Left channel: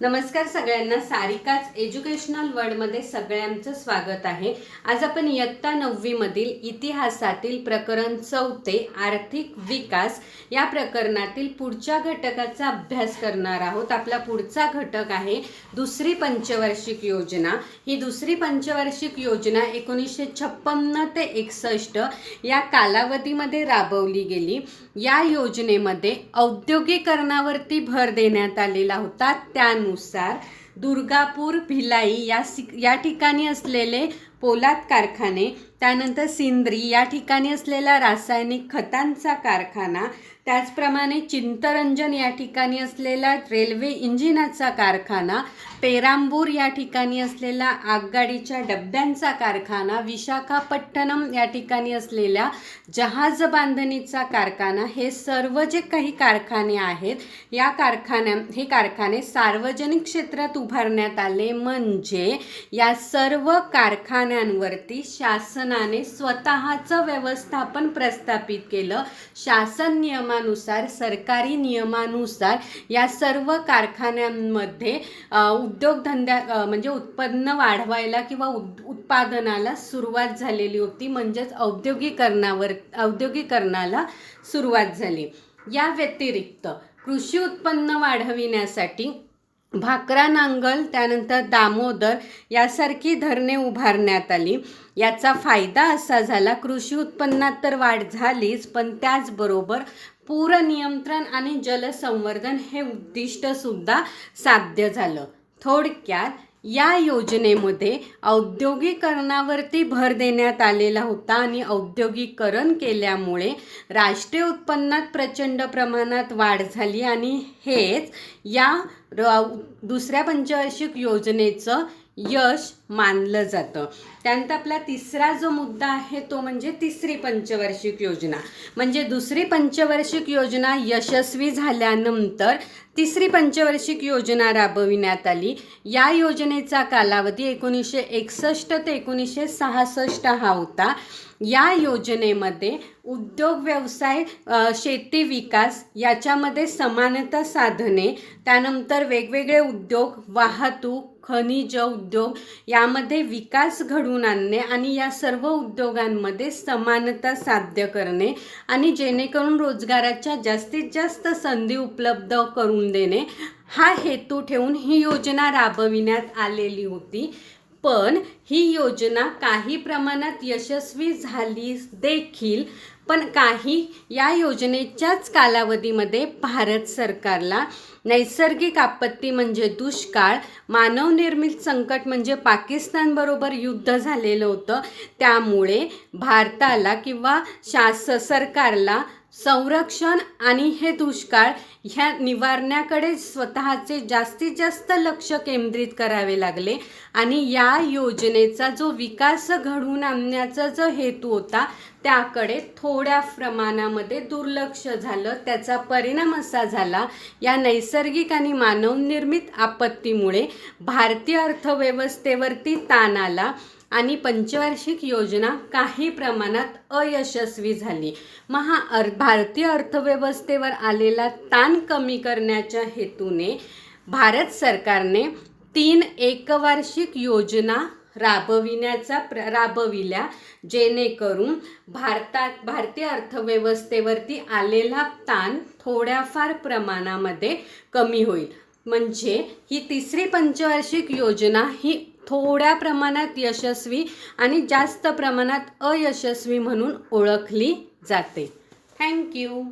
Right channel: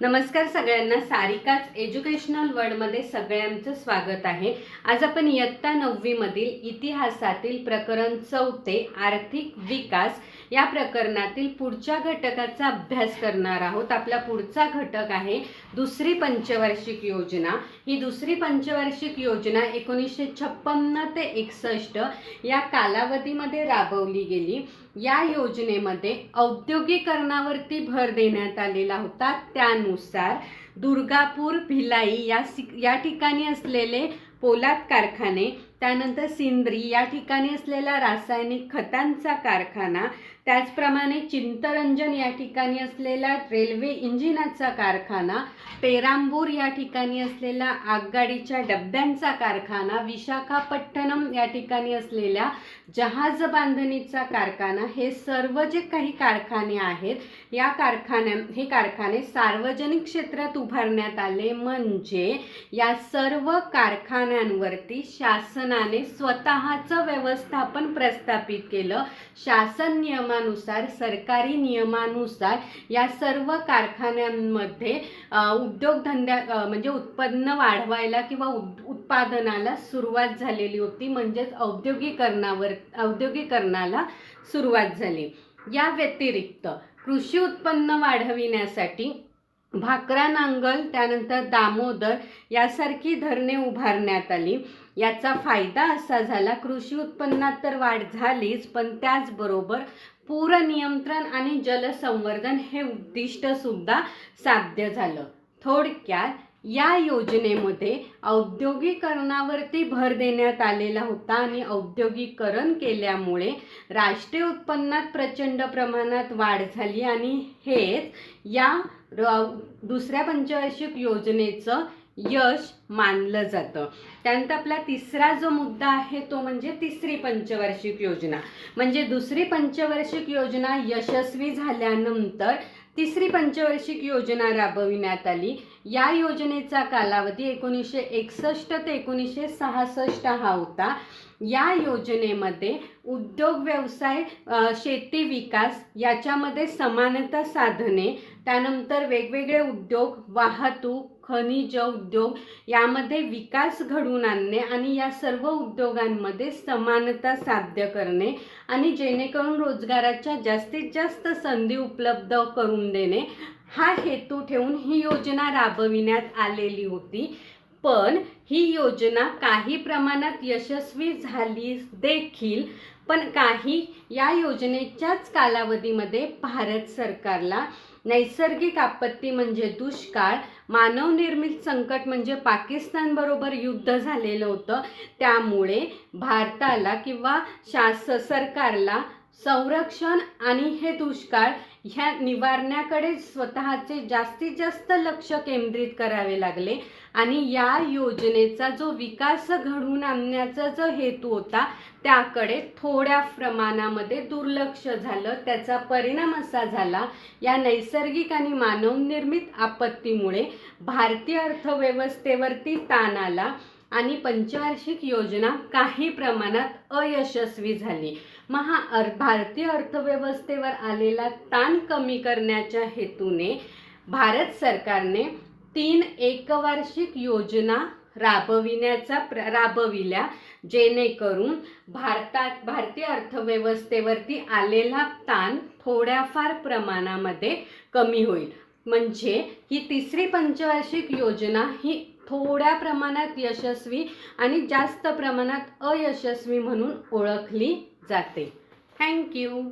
नमस्कार सगळ्यांना, सारिकाच एज्युकेशनल वर्ल्डमध्ये सगळ्यांचं स्वागत आहे। आज आपण इयत्ता 9वी मधील इतिहासातील प्रकरण 4 आर्थिक विकास या प्रकरणातील पुढच्या घटकाचा अभ्यास करणार आहोत। आपला पुढचा घटक आहे दुसरी पंचवार्षिक योजना। ही दुसरी पंचवार्षिक योजना 1956 ते 61 या कालावधीमध्ये राबवली गेली। या योजनेमध्ये औद्योगिकरणावरती भर देण्यात आलेला होता। त्यानुसार दुर्गापूर, भिलाई या ठिकाणी असलेले पोलाद कारखाने, त्यानंतर सिंद्री या ठिकाणी असलेला रासायनिक खतांचा कारखाना, त्याचप्रमाणे चिंतरंजन या ठिकाणी असलेला रेल्वे इंजिनाचा कारखाना, पेरांबूर या ठिकाणी असलेला आगगाडीच्या डब्यांचा कारखाना, विशाखापट्टणम या ठिकाणी असलेल्या जहाज बांधणीचा कारखाना, हे सर्व जे काही कारखाने आहेत या हे कारखाने सार्वजनिक क्षेत्रात उभारण्यात आले। म्हणजे या सर्व कारखान्यांवरती शासनाने स्वतःचं व्यवस्थापन प्रस्थापित केलं। शासन नियमानुसार, सरकारी नियमानुसार या सर्व कारखान्यांमध्ये उद्योगधंद्या म्हणजे उत्पन्न वाढवायला किंवा उत्पादनाला सुरुवात झालेली होती। म्हणजेच औद्योगिकरणाला सुरुवात झाली। या व्यतिरिक्त कृषी उत्पन्न वाढविण्यासाठी भाकरा नांगल, त्यानंतर दामोदर यासारखी धरणे उभारण्यात आली। याचा फायदा असा झाला, कृषी उत्पन्नात तर वाढ झालीच, पण त्याचबरोबर पूर नियंत्रण आणि जलसंवर्धन हे उद्दिष्ट सुद्धा साध्य झालं। थोडक्यात या योजनेमध्ये औद्योगिकरणावरती भर देण्यात आलेला होता आणि औद्योगिकरण केल्यामुळे राष्ट्रीय उत्पन्नात प्रचंड प्रमाणात वाढ झाली आणि हेच या दुसऱ्या पंचवार्षिक योजनेचं यश मानलं जातं। त्यानंतर आपला तिसरा जो मुद्दा आहे तो म्हणजे तिसरी पंचवार्षिक योजना। म्हणजे दुसरी पंचवार्षिक योजना यशस्वी झाल्यानंतर तिसरी पंचवार्षिक योजना राबविण्यात आली। या योजनेचा कालावधी 1961 ते 1966 हा होता। या योजनेमध्ये उद्योग व्यवसाय, शेती विकास याच्यामध्ये समानता साधणे, त्यानंतर वेगवेगळे उद्योग, वाहतूक, खनिज उद्योग यामध्ये विकास घडवून आणणे आणि या सर्व उद्योगांमध्ये समानता साध्य करणे आणि जेणेकरून रोजगाराच्या जास्तीत जास्त संधी उपलब्ध करून देणे हा हेतू ठेवून ही योजना राबविण्यात आलेली होती। पण ही योजना काही प्रमाणात यशस्वी झाली देखील, पण काही या योजनेच्याच कालावधीमध्ये भारत सरकारला नैसर्गिक आपत्ती म्हणजे दुष्काळ, मानवनिर्मित संकट म्हणजे पाकिस्तान बरोबर युद्ध झालेलं होतं, त्यामुळे भारताला किंवा सरकारला संरक्षण आणि हे दुष्काळ ह्या निवारण्याकडे स्वतःचे जास्तीत जास्त लक्ष केंद्रित करावे लागले आणि या योजनेचा जो विकास घडवून आणण्याचा जो हेतू होता त्याकडे थोड्या प्रमाणामध्ये दुर्लक्ष झालं। त्याचा परिणाम असा झाला, या नैसर्गिक आणि मानवनिर्मित आपत्तीमुळे भारतीय अर्थव्यवस्थेवरती ताण आला आणि पंचवार्षिक योजना काही प्रमाणात अयशस्वी झाली। भारतीय अर्थव्यवस्थेवर आलेला ताण कमी करण्याच्या हेतूने भारत सरकारने 3 एकवार्षिक योजना राबविल्या, जेणेकरून भारतीय अर्थव्यवस्थेवरती आलेला ताण थोड्याफार प्रमाणामध्ये कमी होईल। म्हणजे ही तिसरी पंचवार्षिक योजना ही थोड्या प्रमाणात यशस्वी आणि जास्त प्रमाणात अयशस्वी म्हणून ओळखली जाते। थँक्यू।